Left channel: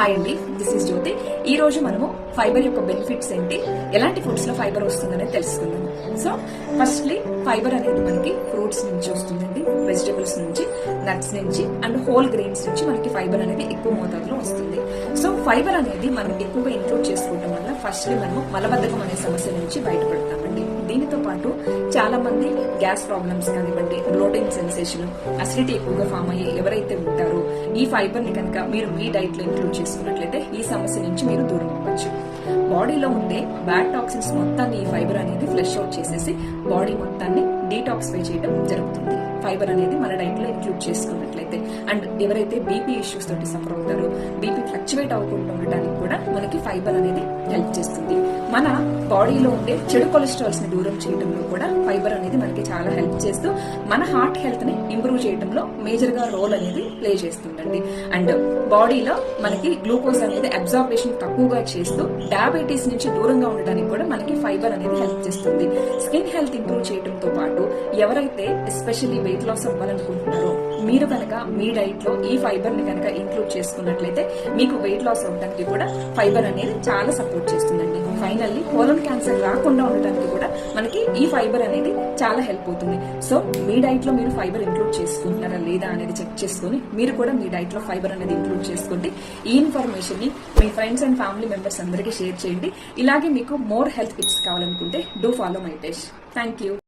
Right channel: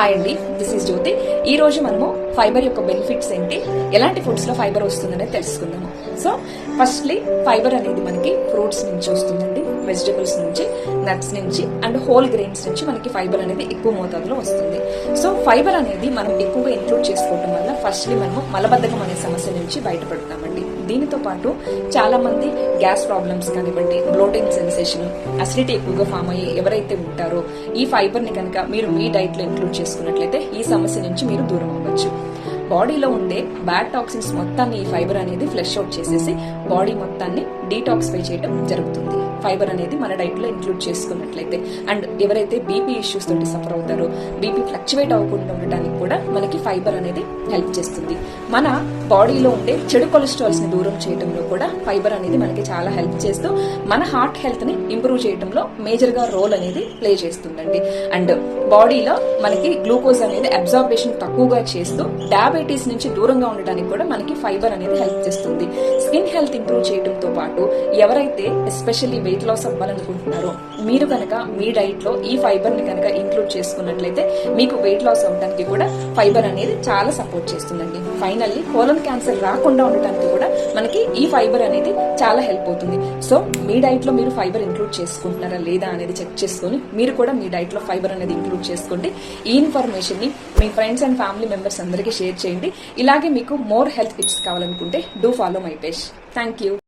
Hi అండి, this is జ్యోతి. ఈ రోజు మనము ఫైబర్ యొక్క బెనిఫిట్స్ ఏంటి, ఎలాంటి ఫుడ్స్ లో ఫైబర్ వస్తుందనే తెలుసుకుందాము. సో ఫస్ట్లీ ఫైబర్ అనేది మనకి ఫ్రూట్స్ నుంచి వస్తుందండి, వెజిటబుల్స్ నుంచి, నట్స్ నుంచి అండ్ హోల్ గ్రెయిన్స్ నుంచి మనకి ఫైబర్ అనేది ఎక్కువ మోతాదులో వస్తుంది. సో ఫైబర్ అనేది మనం ఎక్కువగా ఇంక్లూడ్ చేసుకోవడం వల్ల ఫస్ట్లీ మనము మలబద్ధకం అనే సమస్య నుంచి బయటపడతామండి. దీనితో పాటు చాలా మంది గ్యాస్ ప్రాబ్లమ్స్ కానివ్వండి, బ్లోటింగ్ సెన్సేషన్, అసిడిటీ ఎక్కువగా ఫామ్ అయ్యి ఎవరైతే ఉంటారో ఈ ఫైబర్ ని కనుక మీరు మీ డైట్ లో ఇంక్లూడ్ చేసుకున్నట్లయితే ఈ సమస్య నుంచి మీరు దూరం అవ్వచ్చు. బాడీలో ఉండే బ్యాడ్ టాక్సిన్స్ మొత్తాన్ని ఈ ఫైబర్ అనేది ఫ్లష్ అవుట్ చేసేసి బాడీ మొత్తాన్ని డీటాక్సిఫై చేయడం జరుగుతుంది. ఫైబర్ అనేది మన డైట్ లో ఇంక్లూడ్ చేసుకున్నట్లయితే. అండ్ ఎవరైతే బీపీ ఇష్యూస్ తోటి సఫర్ అవుతారో, బీపీ ఫ్లక్చువేట్ అవ్వకుండా ఉండడానికి కూడా మనకి ఫైబర్ అనేది హెల్ప్ చేస్తుంది. మన బాడీలో ఉండే చెడు కొలెస్ట్రాల్స్ ని దూరం చేయడంలో కూడా ఫైబర్ అనేది మనకి చాలా హెల్ప్ చేస్తూ మన హార్ట్ హెల్త్ ని ఇంప్రూవ్ చేయడంలో మేజర్ గా రోల్ అనేది ప్లే చేస్తుందండి. అండ్ బాడీలో మనకి గ్లూకోజ్ అనేది అబ్జార్బేషన్ తక్కువగా చేస్తూ డయాబెటీస్ నుంచి దూరంగా ఉండడానికి కూడా మనకి ఫైబర్ అనేది హెల్ప్ చేస్తుంది. స్కిన్ హెల్త్ ఇంప్రూవ్ చేయడంతో పాటు ఎవరైతే ఎస్పెషల్లీ వెయిట్ లాస్ అవ్వాలనుకుంటున్నారో మీరు కనుక మీ డైట్ లో ఈ ఫైబర్ ని కనుక ఇంక్లూడ్ చేసుకున్నట్లయితే మీకు వెయిట్ లాస్ అవ్వడానికి కూడా ఫైబర్ అనేది చాలా సపోర్ట్ చేస్తుందండి. ఫైనల్లీ కోలన్ క్యాన్సర్ రాకుండా ఉండటానికి కూడా మనకి ఈ ఫైబర్ అనేది చాలా హెల్ప్ అవుతుంది. సో మీ డైట్ లో మీరు ఫైబర్ ఇంక్లూడ్ చేసుకుంటున్నారా లేదా అనేది చెక్ చేసుకుని మీరు కూడా మీ డైట్ లో ఫైబర్ అనేది ఇంక్లూడ్ చేసుకోండి. ఈ ఇన్ఫర్మేషన్ ని మీ ఫ్రెండ్స్ అండ్ ఫ్యామిలీ మెంబర్స్ అందరికీ షేర్ చేయండి. ఇలాగే మీకు మోర్ హెల్త్ టిప్స్ కావాలనుకుంటే do follow my page. Thank you.